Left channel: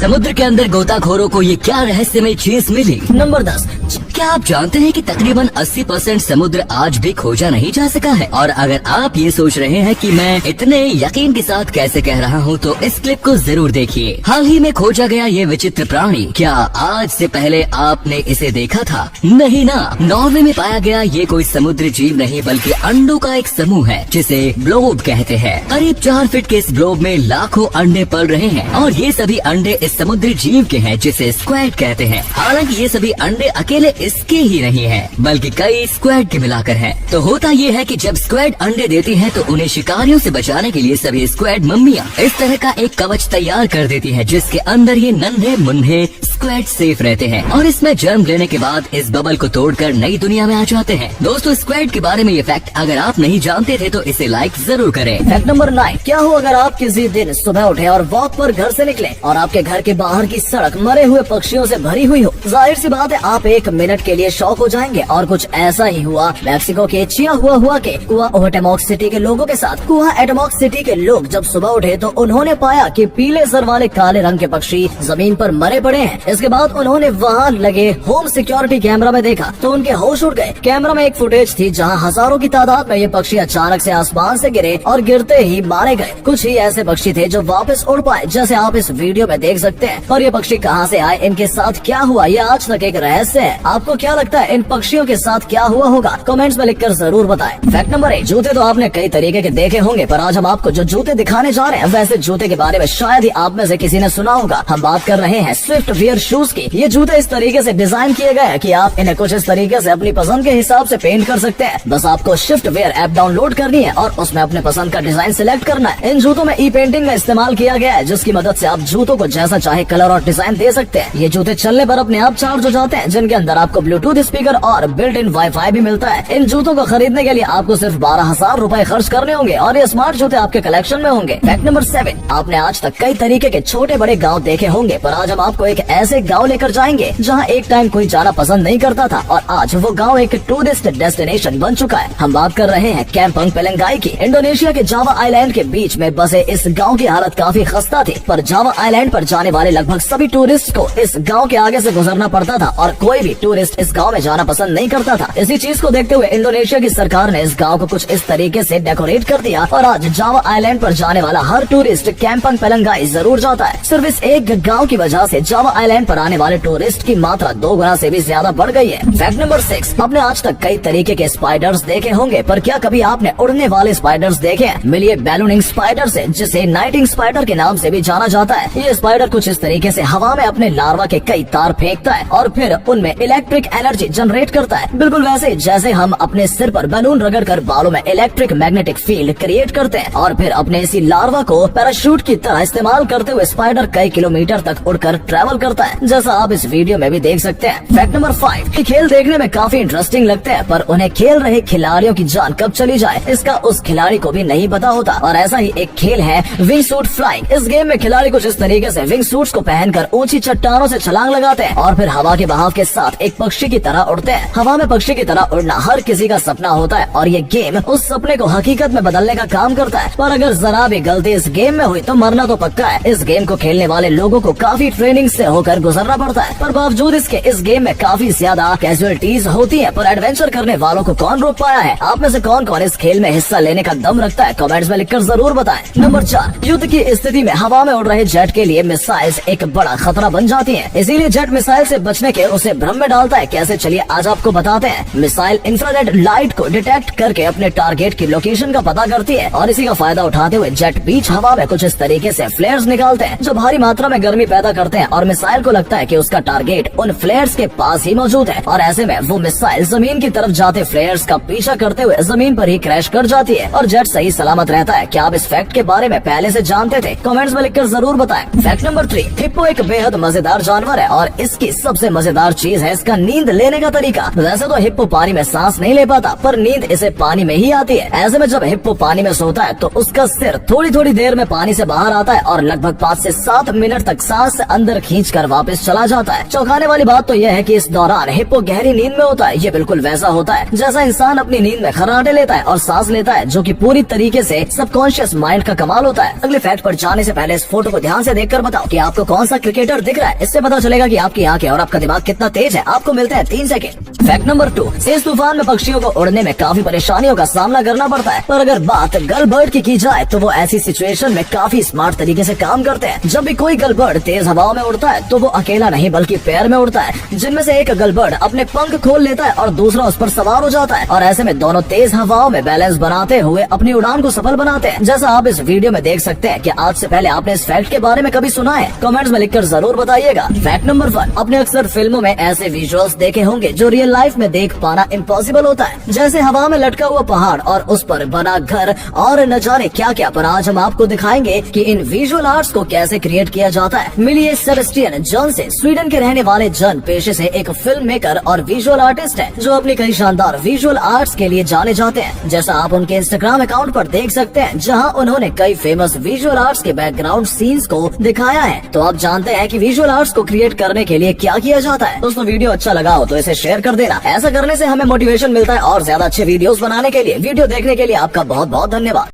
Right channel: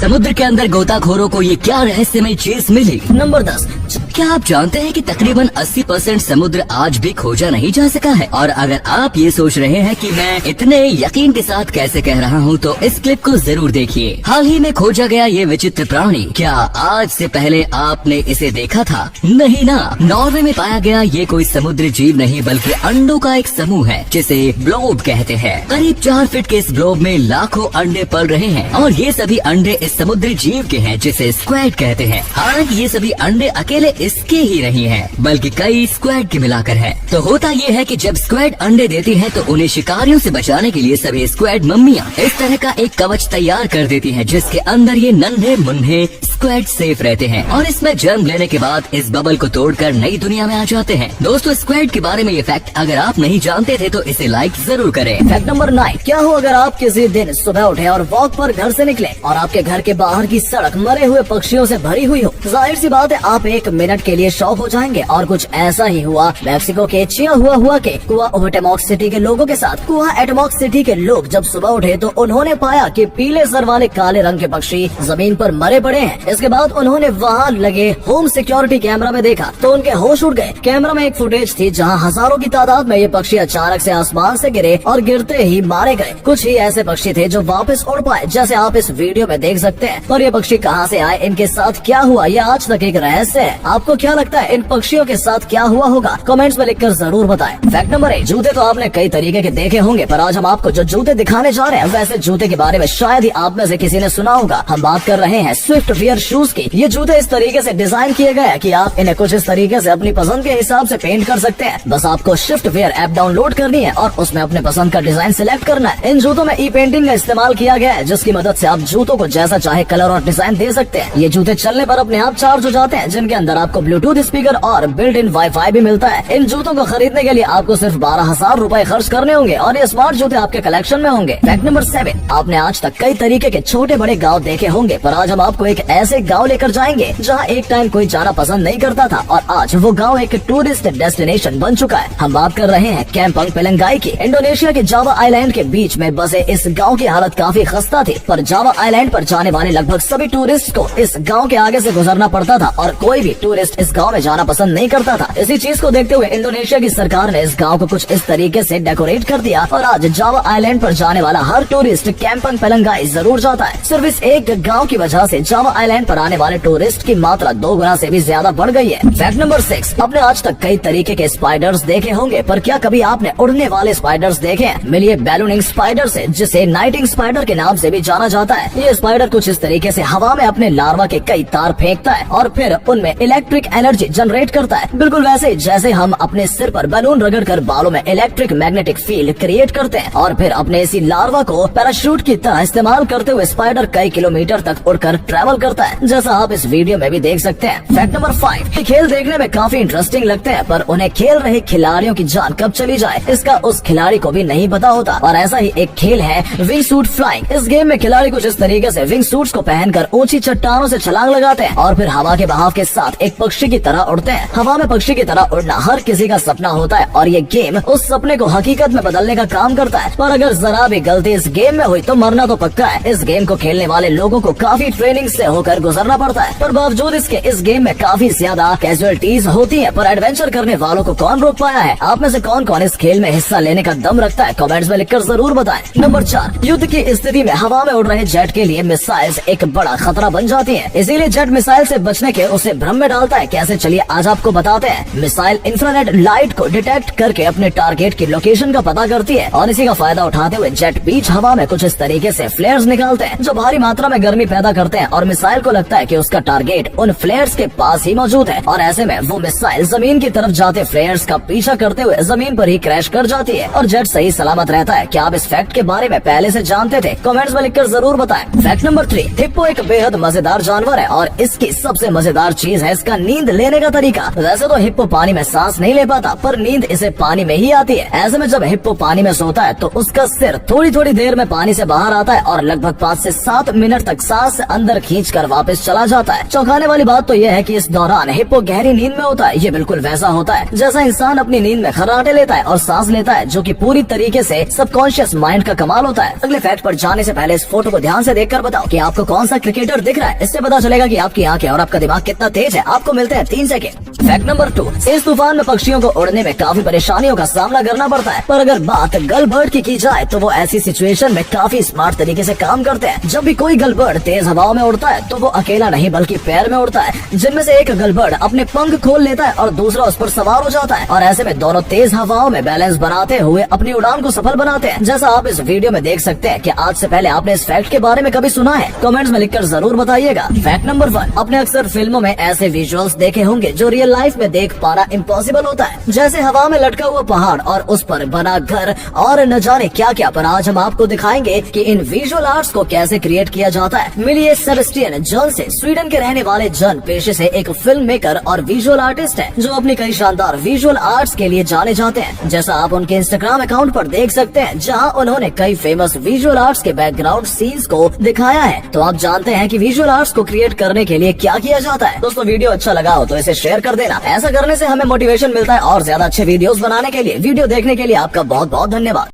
समुद्र के अंदर गोताखोरों को ये क्या रहस्यमय चीज मिली? नंबर 10। क्या आप जानते हैं कि तकरीबन 80% समुद्र आज भी खोजा नहीं जा सका है? और अगर आप ये सोच रहे हैं कि मैं इतने यकीन के साथ कैसे कह रहा हूँ, तो इस क्लिप को जरूर देखिए। हाल ही में खोजा गया ये विचित्र प्राणी, क्या आज से पहले आपने इसे देखा था? नहीं ना। नॉर्वे में पाया गया ये कोई समुद्री जीव नहीं बल्कि अंडों का एक समूह है जिसे ब्लोब कहते हैं। करीब 4 फीट के इस ब्लोब में लाखों अंडे पल रहे हैं और ये सभी अंडे इस समुद्री जीव के हैं जिसे स्क्वैड कहते हैं। हालांकि ये सभी अंडे अकेले इसके ही नहीं हैं, बल्कि कई स्क्वैड के मिलाकर हैं। तो होता ये है कि जब स्क्वैड अंडे देती हैं तो उन्हें शिकारियों से बचाने के लिए सभी स्क्वैड मम्मियाँ इस तरह का एक कवच तैयार कर देती हैं जिसके अंदर ये नन्हे मुन्ने स्क्वैड सेफ रहते हैं और इसमें जन्म लेने के बाद इस बबल को तोड़कर नई दुनिया में आ जाते हैं। दोस्तों, स्क्वैड के बारे में ये फैक्ट अगर आप नहीं जानते थे तो इसे लाइक जरूर करें। Fact number 9। क्या हो अगर आप किसी दिन सुबह उठे और वॉक पर घर से निकले और आपके घर के बाहर की सड़क मरे हुए पक्षियों से भरी हुई हो? जाहिर सी बात है आप 1 मिनट के लिए शॉक हो जाएंगे। और कुछ ऐसा ही हुआ मैक्सिको के चियाहुआ के कुआटेमॉक्स सिटी के लोगों के साथ। कुआटेमॉक्स सिटी के लोग जब सुबह उठे तो उन्होंने पाया कि पीले सर वाले काले रंग के पक्षी जमीन पर मरे पड़े हैं। इसके बाद उन्होंने वहाँ लगे होम सिक्योरिटी कैमरा में देखा तो उनके होश उड़ गए। कैमरा में एक फुटेज थी जहाँ हजारों की तादाद में ये पक्षी अचानक से आसमान से गिरे और गिरते ही मारे गए। कुछ ही ऐसे पक्षी थे जो वापस उड़ पाए, जैसे आप इस वीडियो में देख सकते हैं। और ये पक्षी कहाँ से आए, इनके साथ क्या हुआ, ये आज तक एक रहस्य है। आपको क्या लगता है इन पक्षियों के साथ क्या हुआ होगा? कमेंट्स में लिखकर जरूर बताएं। Fact number 1। जूते तो आपने कई तरीके के देखे होंगे, पर आज हम आपको जो जूते दिखाने जा रहे हैं वैसे जूते के बारे में शायद ही आप में से किसी ने सुना होगा। हम बात कर रहे हैं स्विफ्ट वियर शूज की। ये जूते इस तरीके से डिजाइन किए गए हैं कि आप इन्हें कुछ इस तरीके से अपनी पसंद के हिसाब से पेंट कर सकते हैं। बस आपको स्विफ्ट वियर ऐप डाउनलोड करनी है और उसमें अपने पसंद का डिजाइन सिलेक्ट करना है। इन जूतों में ई पेंटिंग का इस्तेमाल किया गया है जिसकी मदद से आप जूतों को जैसा चाहे कलर और डिजाइन दे सकते हैं। ये जूते चलने पर अपने आप चार्ज हो जाते हैं, जिनके अंदर आपको ब्लूटूथ स्पीकर और बिल्ट इन वाईफाई भी मिलता है। इन जूतों को खरीदने के लिए आपको सिर्फ 12,000 रूपए खर्च करने होंगे और ये स्मार्ट जूते आपके कलेक्शन में होंगे। Fact number 7। आपने आज तक कई तरीके के छोटे बड़े गाँव देखे होंगे, पर आज हम आपको एक ऐसे गाँव लेकर जाएंगे जहाँ एक टाइम कोई जाना पसंद नहीं करता था और आज वो गाँव एक टूरिस्ट डेस्टिनेशन बन चुका है। हम बात कर रहे हैं कैंपंग पेलंगाई की। इंडोनेशिया के जावा आइलैंड के बीच में बसे इस गाँव की हालत काफी खस्ता थी, पर जावा आइलैंड पर जाने वाले लगभग सभी टूरिस्ट को इस गाँव के आगे से गुजरना पड़ता था और कोई भी टूरिस्ट इस गाँव में जाना पसंद नहीं करता था। इसी चीज को देखते हुए इंडोनेशिया की सरकार ने इस गाँव को कुछ इस तरीके से डेकोरेट कर दिया और आज जावा आइलैंड पर जाने वाला हर टूरिस्ट कैंपंग पेलंगाई जरूर जाता है। सिर्फ इस एक गाँव की वजह से जावा आइलैंड पर आने वाले टूरिस्ट की मात्रा 2 गुना से भी ज्यादा बढ़ गई है। Fact number 6। आपने आज तक कई तरीके के स्पाइडर्स देखे होंगे, पर क्या कभी आपने उड़ने वाले स्पाइडर्स देखे हैं? मिलिए बैलूनिंग स्पाइडर से, जिसे नाइटिंग स्पाइडर के नाम से भी जाना जाता है। ये स्पाइडर कुछ इस तरीके से हवा में अपने लार्वा के कई तार फेंकता है और फिर उनमें इलेक्ट्रिक एनर्जी जनरेट करता है। बिल्कुल वैसे ही जैसे हम अपने सिर पर बैलून रगड़कर बालों में इलेक्ट्रिक मैग्नेटिक फील्ड क्रिएट करते हैं और फिर अपने इसी लार्वा को पैराशूट की तरह इस्तेमाल करते हुए स्पाइडर कई किलोमीटर तक उड़कर ट्रैवल करता है, जैसा आप इस वीडियो में भी देख सकते हैं। Fact number 5। ये खेल देखने में काफी इंटरेस्टिंग लगते हैं, पर उन्हें खेल रहे खिलाड़ियों की जान कब चली जाए इसका उस खिलाड़ी को भी नहीं पता होता। और ऐसा ही एक खेल है विंग सूट फ्लाइंग। इस गेम में खिलाड़ी कुछ इस तरीके से विंग सूट्स को पहनकर ऊंची चट्टानों से छलांग लगाते हैं और फिर हवा के बहाव के साथ एक पक्षी की तरह उड़ते हैं। हवा में पक्षी की तरह उड़ना हर किसी का सपना होता है और ये गेम उस सपने को हकीकत में बदलने का काम करता है। पर अगर जरा भी गलती इस गेम में हुई तो मरना तो पक्का है। इस गेम को खेलने वाले लोगों को काफी ट्रेनिंग से होकर गुजरना पड़ता है, पर बावजूद इसके इस गेम में काफी ज्यादा कैजुअलिटीज होती है। पर एडवेंचर करने वालों को कौन रोक पाया है? आप में से कौन कौन इस खेल में हिस्सा लेने का दम रखता है? कमेंट्स में लिखकर जरूर बताएं। नंबर 4। युद्ध की स्थिति में हवा में उड़ रहे जेट के लिए मिसाइल्स एक बड़ा खतरा बन जाती हैं। इसीलिए जेट मिसाइल से बचने के उसे भ्रम में डालता है। कैसे, चलिए आज आपको बताते हैं। मिसाइल इंफ्रारेड लाइट को डिटेक्ट करके अपने टारगेट की लोकेशन का पता करती है और इसी का फायदा उठाते हुए जेट बीच हवा में कुछ इस तरीके से फ्लेयर्स निकालते हैं जो भारी मात्रा में गर्मी पैदा करते हैं और मिसाइल को लगता है कि उसका टारगेट उन फ्लेयर्स के पास ही मौजूद है और ऐसे में वो मिसाइल जमीन की तरफ जाते फ्लेयर्स का पीछा करते हुए जमीन पर ही क्रैश कर जाती है और जेट सही सलामत रहता है। क्या आप इस फैक्ट के बारे में पहले से जानते थे? कमेंट्स में लिखकर जरूर बताएं। Fact number 3। हिप्पो एक बेहद मजेदार जानवर है और इसकी सबसे मजेदार चीज है इसका नींद लेने का तरीका। वैसे तो हिप्पो पानी में सांस नहीं ले पाता, पर नींद इसे पानी में ही आती है। ऐसे में जब हिप्पो पानी में सोता है तो उसका सिर थोड़ी थोड़ी देर में पानी से बाहर आता है और लगभग 5 से 7 मिनट तक सांस अंदर खींचकर वापस चला जाता है। चौंकाने वाली बात तो यह है कि इस दौरान हिप्पो गहरी नींद में होता है। ये बिल्कुल वैसा होता है जैसा इंसान अपनी नींद में खर्राटे लेता है और सांस लेता है, जो कि पूरी तरीके से सबकॉन्शियस माइंड का कमाल होता है। अगले फैक्ट पर जाने से पहले इस फोटो को ध्यान से देखकर बताओ कि आपको कौन सा क्रिकेटर दिख रहा है। इससे पता चलेगा कि आपकी आंखें और आपका दिमाग कितना तेज है। आपको मिलते हैं 3 सेकंड। फैक्ट नंबर 2, इस तूफान में पक्षियों को उड़ने में काफी परेशानियों का सामना करना पड़ता है, पर अगर बात गर्ल बर्ड की जाए तो वो ऐसी सिचुएशन में काफी स्मार्ट तरीके से काम करते हैं। जब भी कोई गर्ल बर्ड तेज हवाओं में उड़ता है तो वो अकेला नहीं बल्कि पैर में उड़ता है, जिनमें से एक गर्ल बर्ड अपने पंख खोल लेता है और दूसरा उस पर सवार हो जाता है, और ऐसे में दोनों तेज हवाओं में बैलेंस बनाते हुए अपनी उड़ान को सफल बनाते हैं। जैसा आप इस वीडियो में देख सकते हैं कि आज से पहले आपने इस फैक्ट के बारे में कभी सुना है? कमेंट्स में लिखकर जरूर बताइएगा। फैक्ट नंबर 1, अपने अक्सर फिल्मों में ऐसे विजुअल्स देखे होंगे जो रियल लाइफ में देख पाना इम्पॉसिबल होता है, जैसे हवा में लटका हुआ पहाड़ और उस पर बना घर और न जाने क्या क्या। पर आज हम आपको दिखाएंगे कि इन विजुअल आर्ट्स को कैसे क्रिएट किया जाता है। मिलिए सेबेस्टियन जॉन से। स्वीडन के रहने वाले जॉन पेशे से एक फिल्म मेकर और विजुअल आर्टिस्ट है, जो अपनी कई शानदार विजुअल आर्ट्स के लिए जाने जाते हैं, जैसा आप उनके इंस्टाग्राम अकाउंट पर देख सकते हैं, जहां उन्होंने कई फेमस विजुअल आर्ट्स के बैकग्राउंड सीन्स को दिखाया है। तो आप जानते हैं कि विजुअल आर्ट्स को क्रिएट करने के लिए क्या किया जाता है। दोस्तों, वीडियो अच्छा लगा हो तो इसे शेयर कर देना। ऐसा करने से हमें मोटिवेशन मिलता है और ज्यादा अच्छे वीडियोस बनाने के लिए। वीडियो देखने के लिए आपका बहुत बहुत धन्यवाद।